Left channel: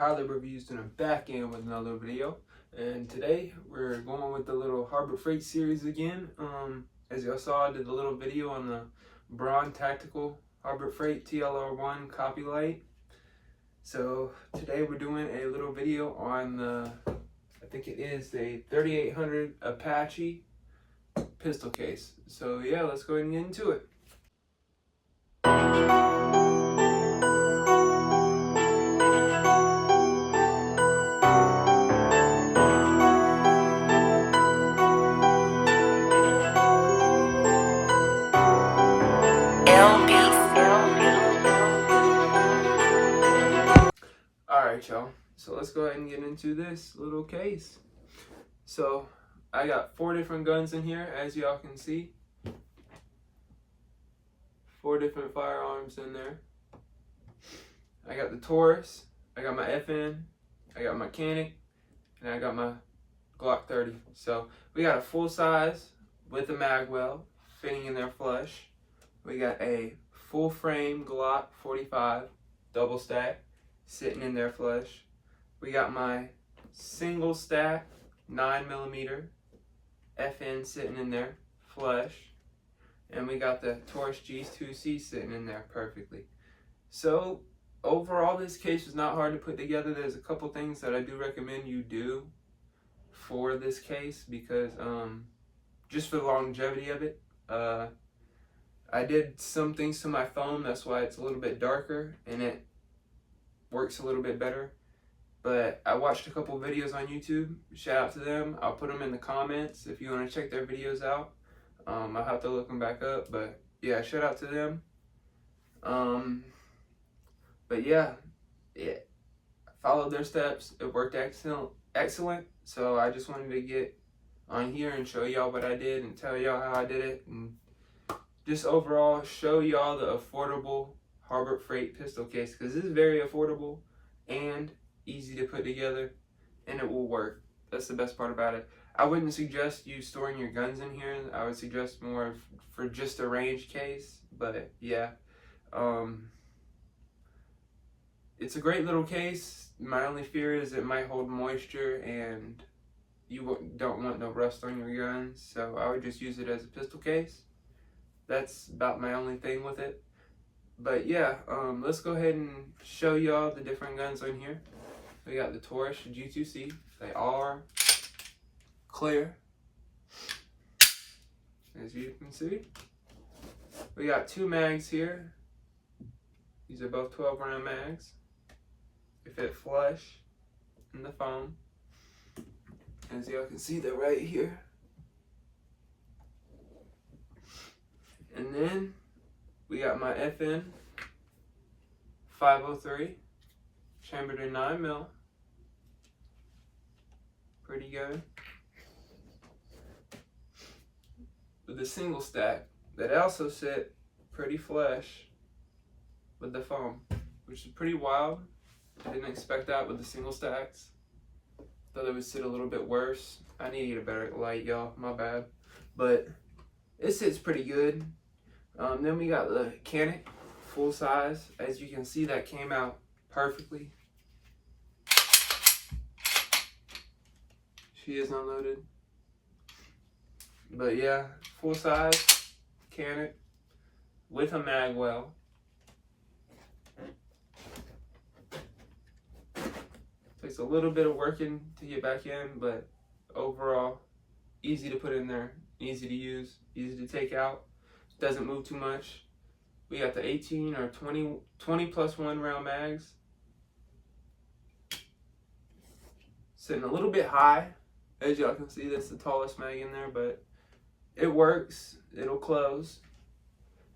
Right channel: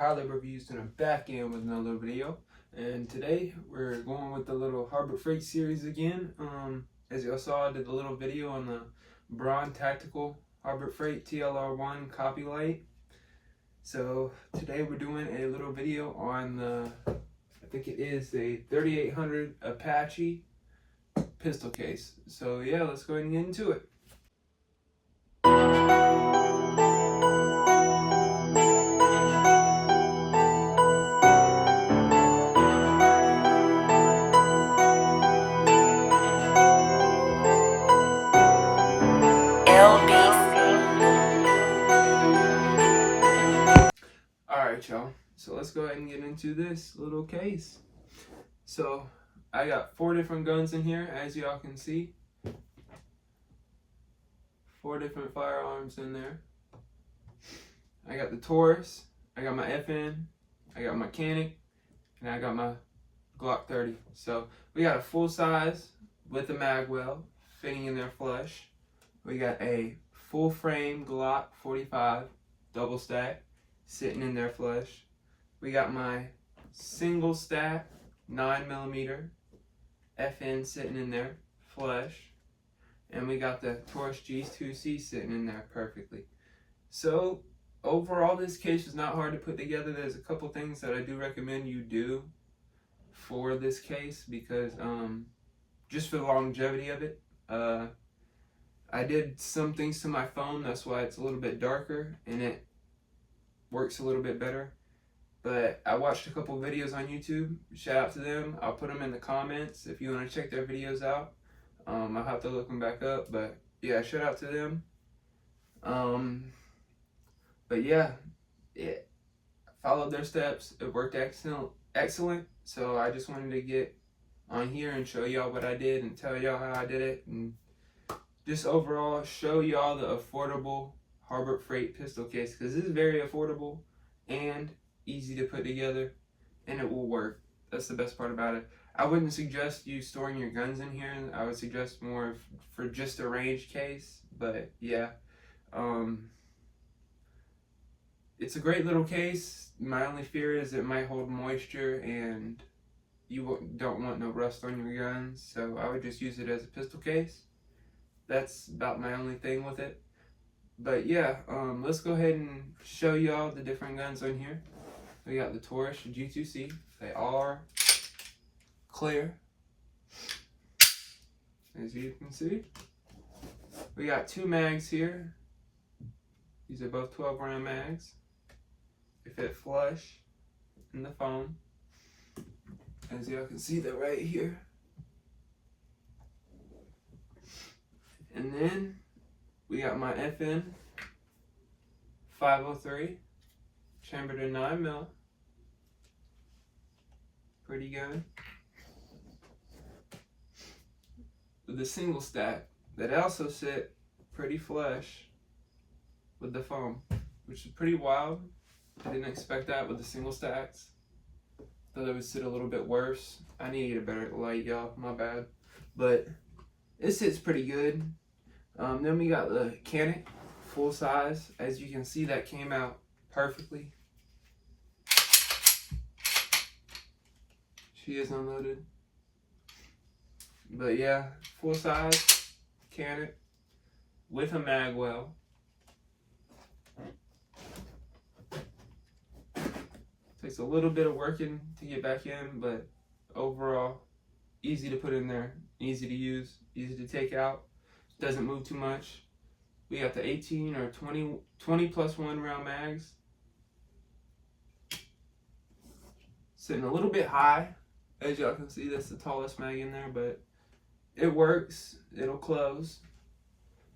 highly reviews and I'm back in with another video. And today we're going with the little Harbor Freight series again. As y'all saw, I did a little video on the Braun Tactical Harbor Freight TLR1 copy light. So today we're doing a little video on the, I think it is the 3800 Apache pistol case. So yeah, let's go ahead and get into it. Alright y'all, so let's go ahead and get into this little case. So I got 4 different guns in here, as y'all can see. 4 different firearms in there. I got the Taurus, I got my FN, I got my Mechanic, and I got my Glock 30. So we got a full size with a mag well fitting in there flush. We got a full frame Glock 45 double stack sitting in there flush. We got my single stack 9mm FN sitting in there flush. And we got the Taurus G2C sitting in there perfectly. So overall, this case is not hard to put together. There's a couple things that I do recommend you do for this case because just for the longevity of it. I did some things to my phone, that's why it's a little bit darker and it works a little bit better. But I watched a couple videos on YouTube. Shout out to them. I'll put them in the comments if you want to check their videos out. I'll have to look them back up, but yeah, shout out to them. But yeah, I followed their steps. It worked excellent. So I just wanted to get on here and show y'all what I did and tell y'all how I did it, and just overall show y'all the affordable Harbor Freight pistol case, because this is very affordable and easy to put together, and it will work. That's the best part about it. I wouldn't suggest you storing your guns in here. I would suggest more for just a range case, but yeah. It's a great little case. My only fear is it might hold moisture and you don't want no rust on your guns, so I would just use it as a pistol case. That's about my only thing with it. But yeah, let's go ahead and show y'all the different guns on here. We got the Taurus G2C. They are clear, as you can see. We got 2 mags here. These are both 12-round mags. They fit flush in the foam. As y'all can see, they're right here. And then we got my FN 503, chambered in 9mm. Pretty good. With the single stack that also sit pretty flush with the foam, which is pretty wild. I didn't expect that with the single stacks. Thought it would sit a little bit worse. I need to get a better light, y'all. My bad. But it sits pretty good. Then we got the Mechanic, full size. As you can see, that came out perfectly. She is unloaded. But yeah, full size Mechanic with a mag well. Takes a little bit of working to get back in, but overall, easy to put in there, easy to use, easy to take out. Doesn't move too much. We got the 18 or 20 plus 1 round mags. Sitting a little bit high. As y'all can see, that's the tallest mag in there, but it works. It'll close.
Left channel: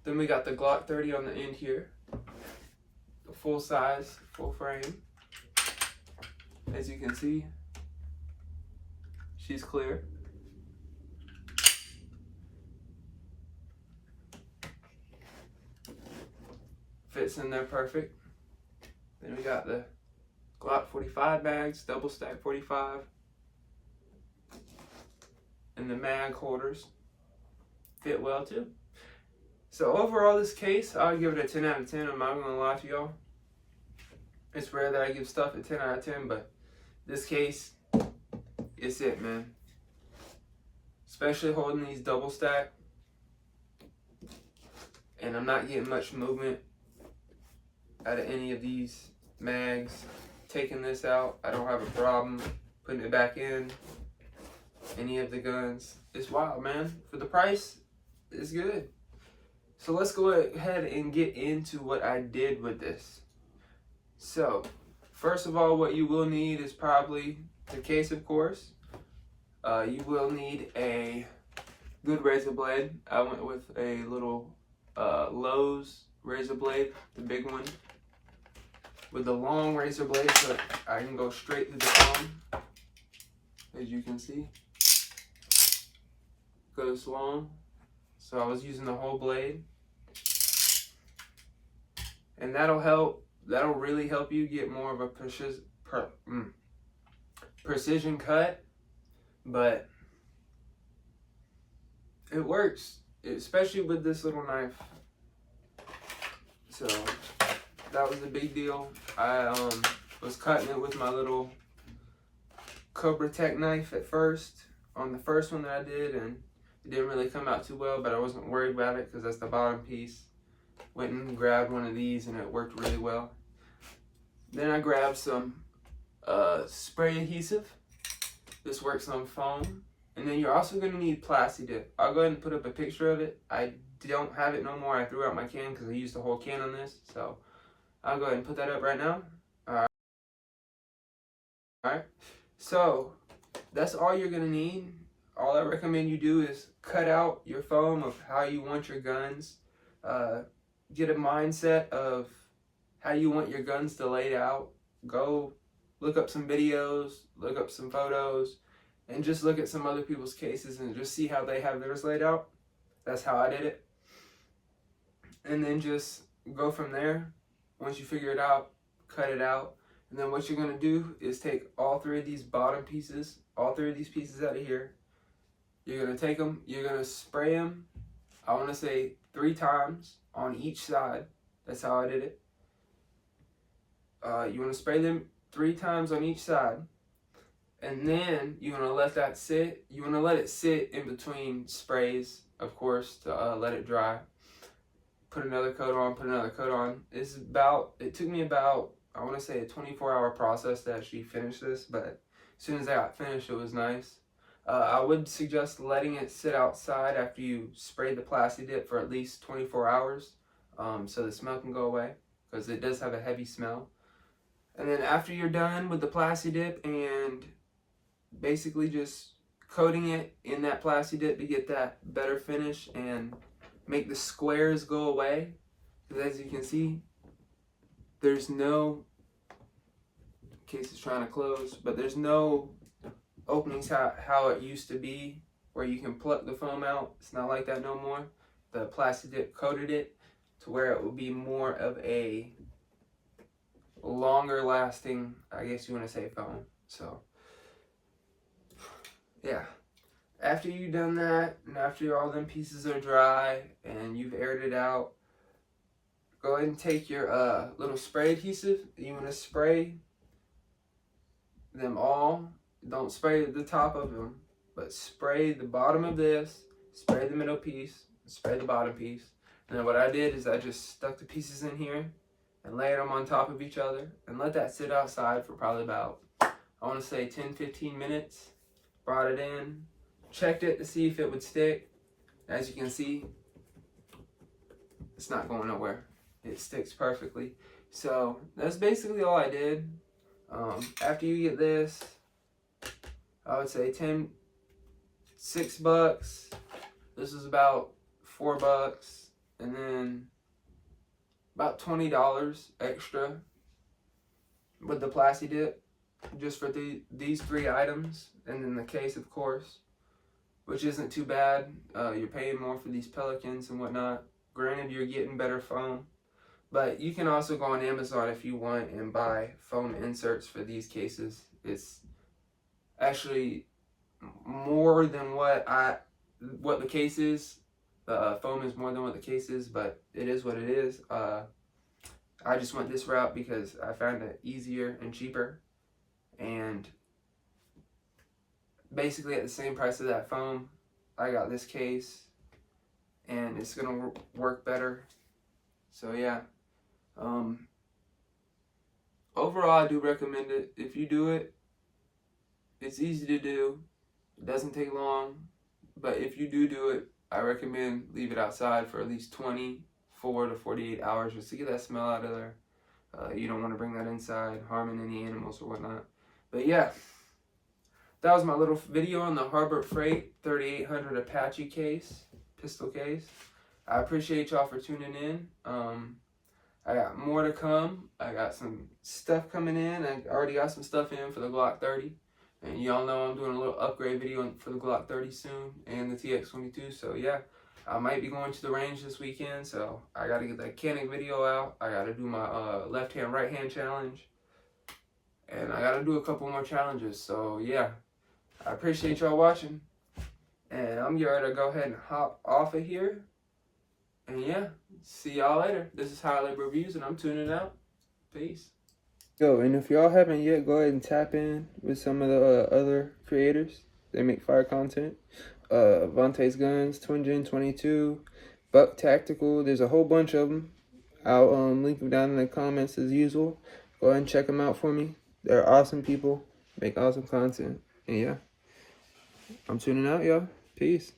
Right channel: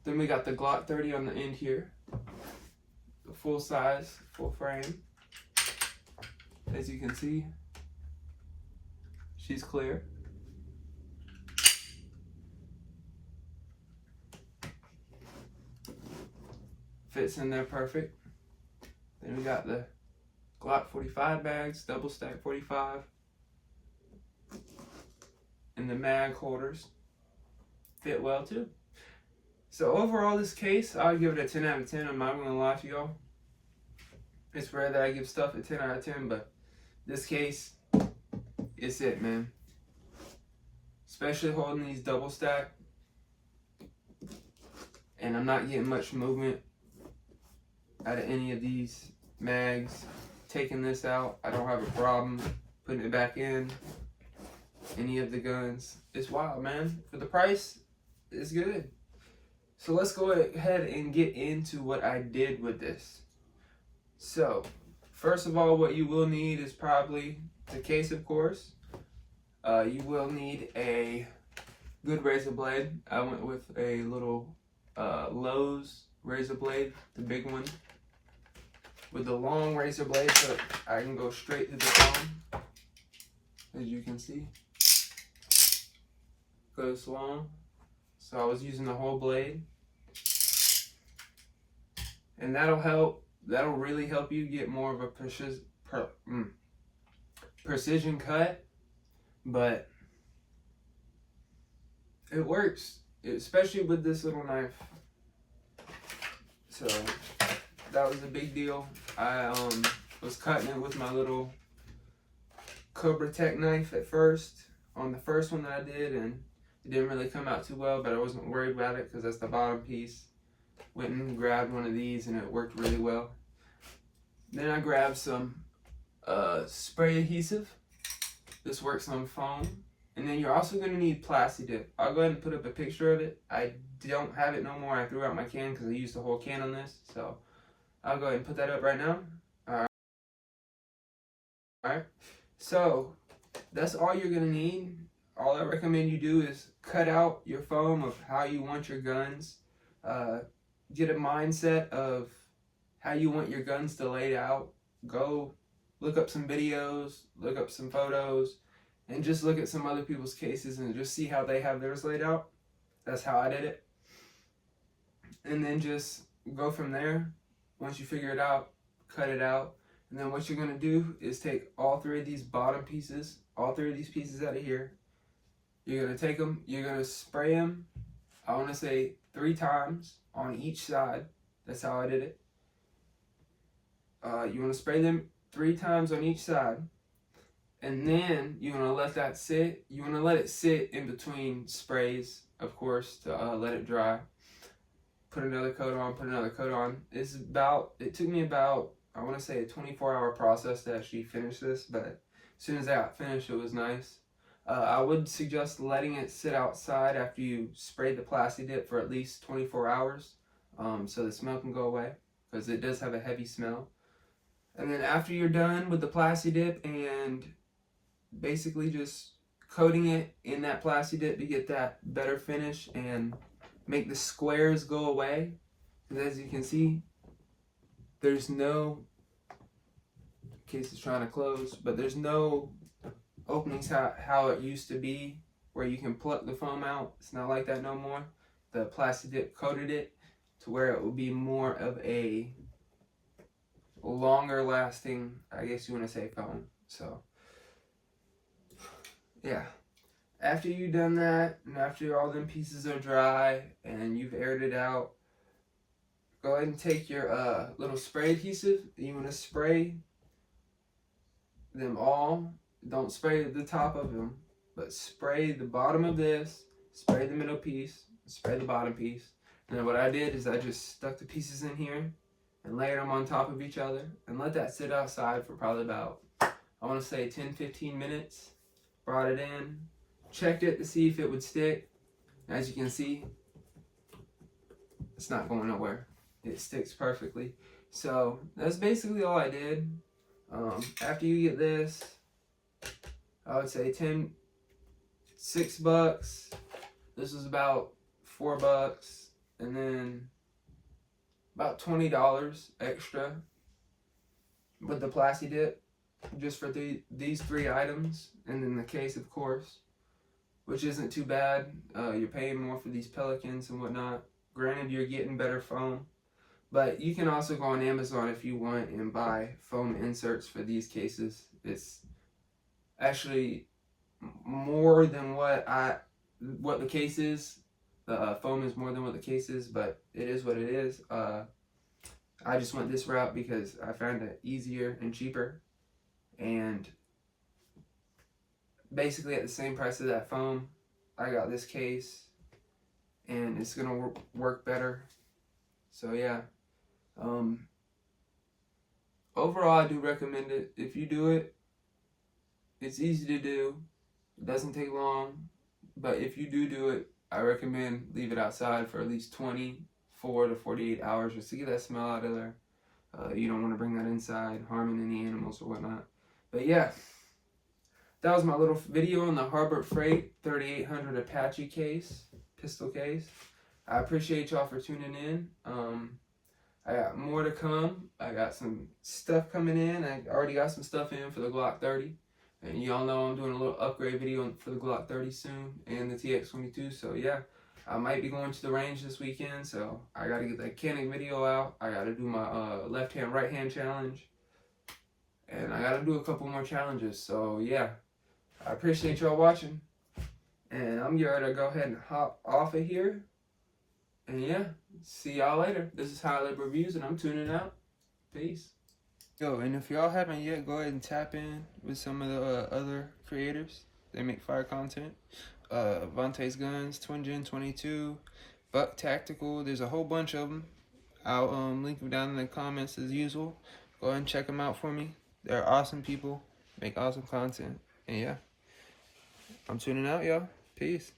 Then we got the Glock 30 on the end here. The full size, full frame. As you can see, she's clear. Fits in there perfect. Then we got the Glock 45 bags, double stack 45. And the mag holders fit well too. So overall, this case, I'll give it a 10 out of 10. I'm not gonna lie to y'all. It's rare that I give stuff a 10 out of 10, but this case, it's it, man. Especially holding these double stack. And I'm not getting much movement out of any of these mags. Taking this out, I don't have a problem putting it back in. Any of the guns. It's wild, man. For the price, it's good. So let's go ahead and get into what I did with this. So, first of all, what you will need is probably the case, of course. You will need a good razor blade. I went with a little Lowe's razor blade, the big one, with the long razor blade so that I can go straight to the phone. As you can see, goes long. So I was using the whole blade, and that'll really help you get more of a precision cut. But it works, especially with this little knife. So that was a big deal. I was cutting it with my little Cobra Tech knife at first, on the first one that I did, and it didn't really come out too well, but I wasn't worried about it because that's the bottom piece. Went and grabbed one of these and it worked really well. Then I grabbed some spray adhesive. This works on foam. And then you're also going to need Plasti Dip. I'll go ahead and put up a picture of it. I don't have it no more. I threw out my can because I used the whole can on this. So I'll go ahead and put that up right now. Alright. So that's all you're going to need. All I recommend you do is cut out your foam of how you want your guns. Get a mindset of how you want your guns to lay out. Go look up some videos, look up some photos, and just look at some other people's cases and just see how they have theirs laid out. That's how I did it. And then just go from there. Once you figure it out, cut it out. And then what you're going to do is take all three of these bottom pieces, all three of these pieces out of here. You're going to take them, you're going to spray them, I want to say 3 times on each side. That's how I did it. You want to spray them 3 times on each side. And then you want to let that sit. You want to let it sit in between sprays, of course, to let it dry. Put another coat on, put another coat on. It took me about, I want to say, a 24-hour process to actually finish this, but as soon as I got finished, it was nice. I would suggest letting it sit outside after you spray the Plasti Dip for at least 24 hours so the smell can go away, because it does have a heavy smell. And then after you're done with the Plasti Dip and basically just coating it in that Plasti Dip to get that better finish and make the squares go away, because as you can see, there's no, case is trying to close, but there's no openings how it used to be where you can pluck the foam out. It's not like that no more. The Plasti Dip coated it to where it will be more of a longer lasting, I guess you want to say, foam. So yeah, after you've done that and after all them pieces are dry and you've aired it out, go ahead and take your little spray adhesive. You want to spray them all. Don't spray the top of them, but spray the bottom of this, spray the middle piece, spray the bottom piece. And then what I did is I just stuck the pieces in here and layered them on top of each other and let that sit outside for probably about, I want to say 10-15 minutes. Brought it in, checked it to see if it would stick. As you can see, it's not going nowhere. It sticks perfectly. So that's basically all I did. After you get this, I would say $6. This is about $4, and then about $20 extra with the Plasti Dip, just for these 3 items, and then the case, of course, which isn't too bad. You're paying more for these Pelicans and whatnot. Granted, you're getting better foam, but you can also go on Amazon if you want and buy foam inserts for these cases. It's actually more than what the case is. The foam is more than what the case is, but it is what it is. I I just went this route because I found it easier and cheaper, and basically at the same price of that phone, I got this case, and it's gonna work better. So yeah, overall I do recommend it. If you do it, it's easy to do, it doesn't take long, but if you do it, I recommend leave it outside for at least 24 to 48 hours just to get that smell out of there. You don't want to bring that inside, harming any animals or whatnot. But yeah, that was my little video on the Harbor Freight 3800 Apache case, pistol case. I appreciate y'all for tuning in. I got more to come. I got some stuff coming in. I already got some stuff in for the Glock 30. And y'all know I'm doing a little upgrade video for the Glock 30 soon and the TX22. So yeah, I might be going to the range this weekend. So I got to get that Canik video out. I got to do my left hand, right hand challenge. And I got to do a couple more challenges. So yeah, I appreciate y'all watching. And I'm getting ready to go ahead and hop off of here. And yeah, see y'all later. This is High Lib Reviews, and I'm tuning out. Peace. Yo, and if y'all haven't yet, go ahead and tap in with some of the other creators. They make fire content. Vontae's Guns, Twin Gen 22, Buck Tactical. There's a whole bunch of them. I'll link them down in the comments as usual. Go ahead and check them out for me. They're awesome people. Make awesome content. And yeah, I'm tuning out, y'all. Peace.